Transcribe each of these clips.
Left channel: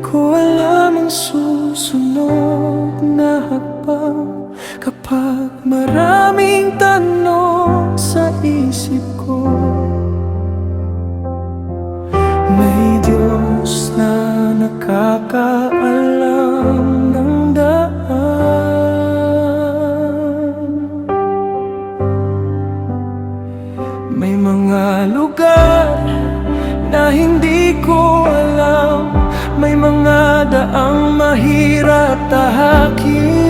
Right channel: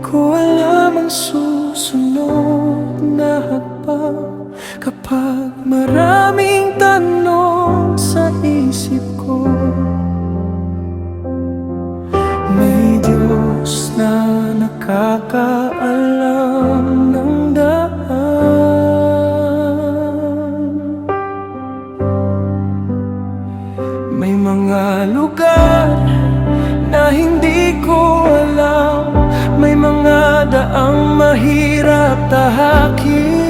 ko alam ang susunod na hakbang. Kapag maraming tanong sa isip ko, may Diyos na nakakaalam ng daan. May mga lugar na hindi ko alam, may mga daang mahirap tahakin.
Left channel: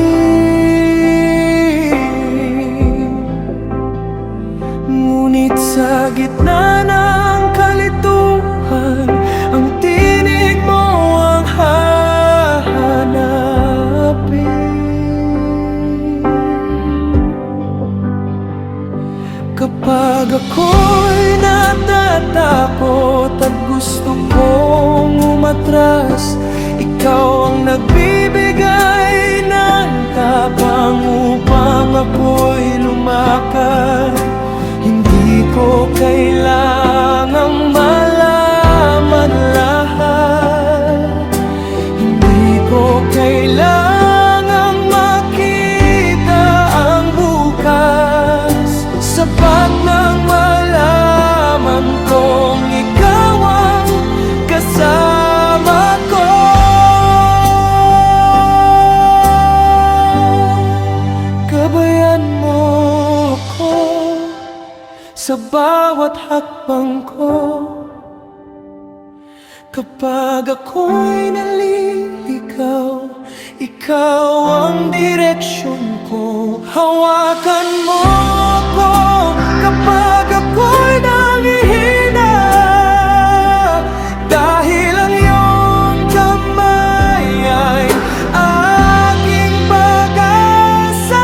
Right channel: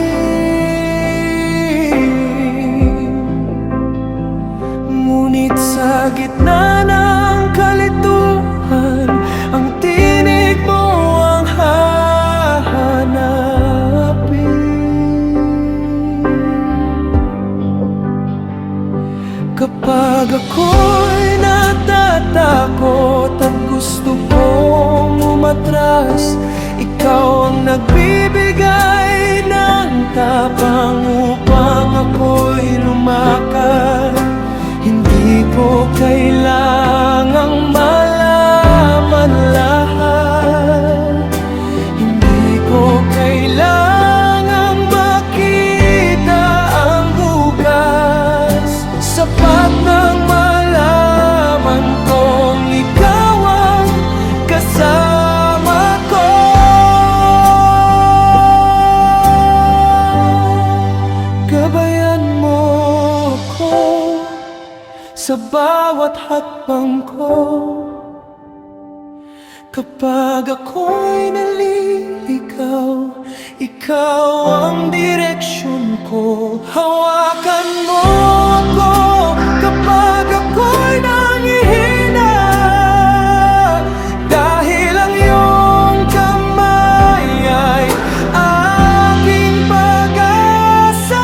Ngunit sa gitna ng kalituhan, ang tinig mo ang hahanapin. Kapag ako'y natatakot at gusto kong umatras, ikaw ang nagbibigay ng tapang upang ako'y lumakad. Hindi ko kailangang malaman lahat, hindi ko kailangang makita ang bukas. Sapat nang malaman kong ikaw ang kasama ko. Gabayan mo ako sa bawat hakbang ko. Kapag ako'y naliligaw, ikaw ang direksyon ko. Hawakan mo ako kapag ako'y nangihina, dahil ang iyong kamay ay aking pag-asa.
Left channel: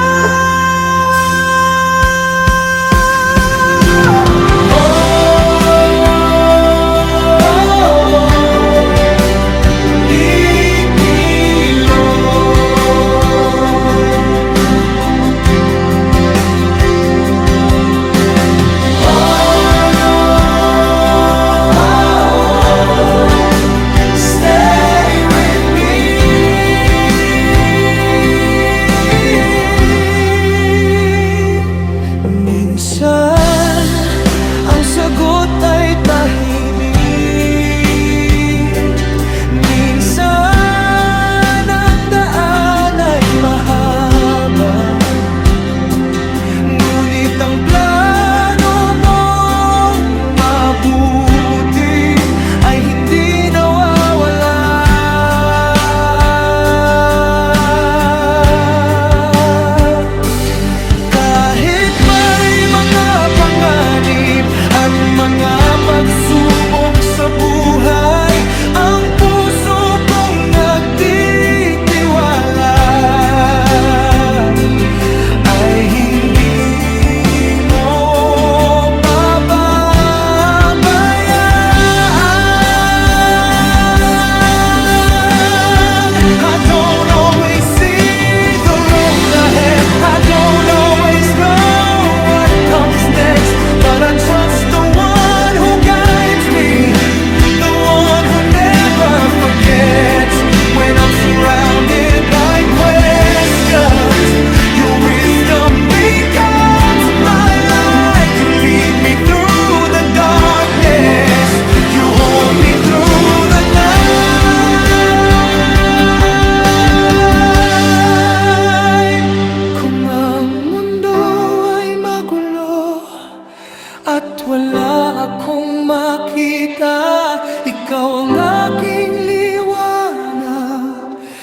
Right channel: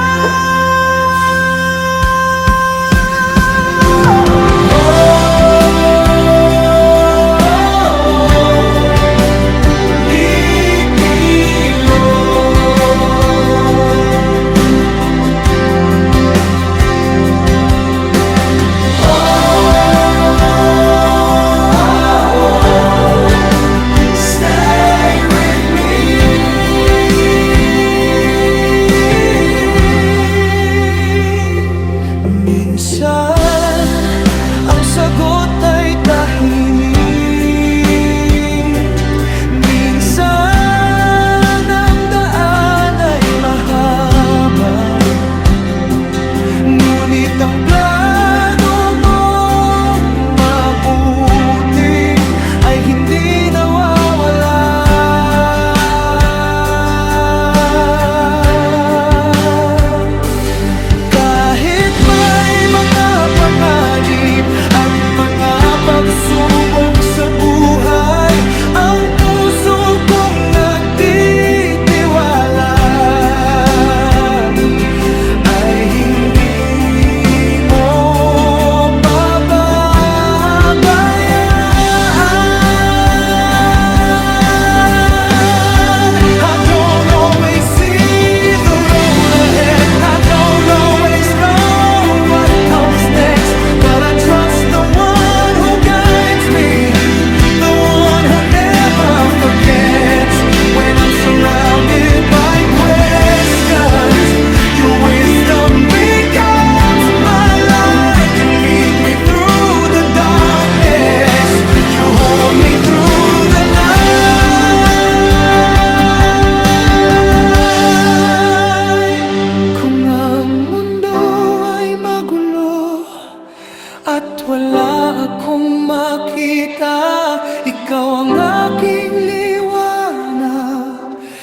Minsan, ang sagot ay tahimik. Minsan, ang daan ay mahaba. Ngunit ang plano mong mabuti ay hindi nawawala. At mga pagsubok sa buhay, ang puso kong nagtitiwala ay hindi mo pababayaan. I don't always see the road ahead, I don't always know what comes next, but I trust the one who guides me, the one who never forgets. When I'm surrounded by questions, your wisdom becomes my light. You lead me through the darkness, you hold me through the night. Kung ang mundo ay magulo at wala akong makita, ikaw ang aking liwanag.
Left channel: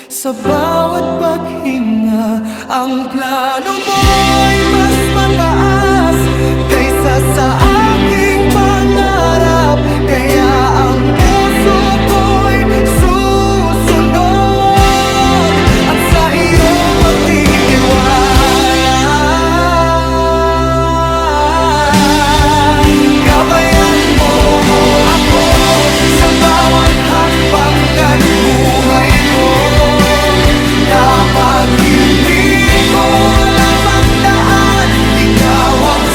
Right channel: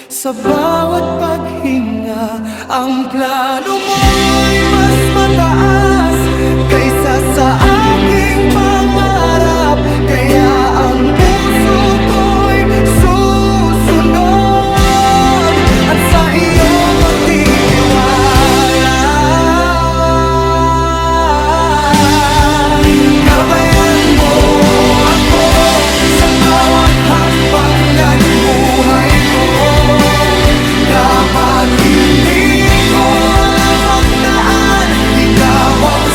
Sa bawat paghinga, ang plano mo ay mas mataas kaysa sa aking pangarap. Kaya ang puso ko'y susunod at sa iyo magtitiwala.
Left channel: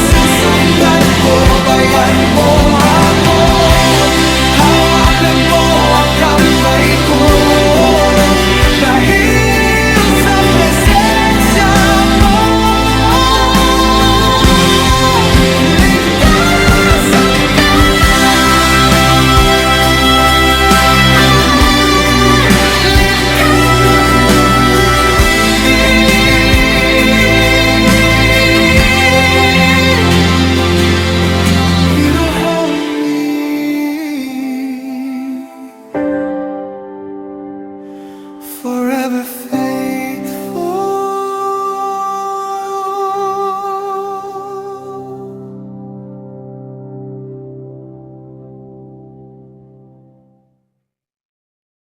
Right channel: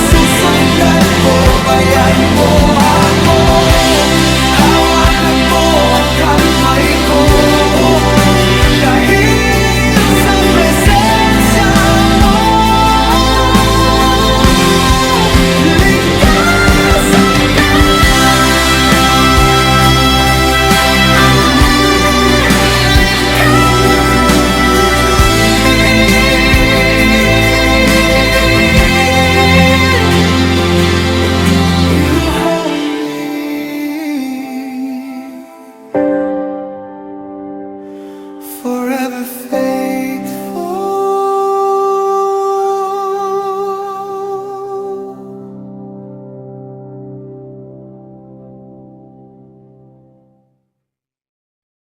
Susundan ko, bayan mo ako. Hawak ko dahil sa presensya mo. Ligtas ang lahat, ligtas me. You hold me forever faithful.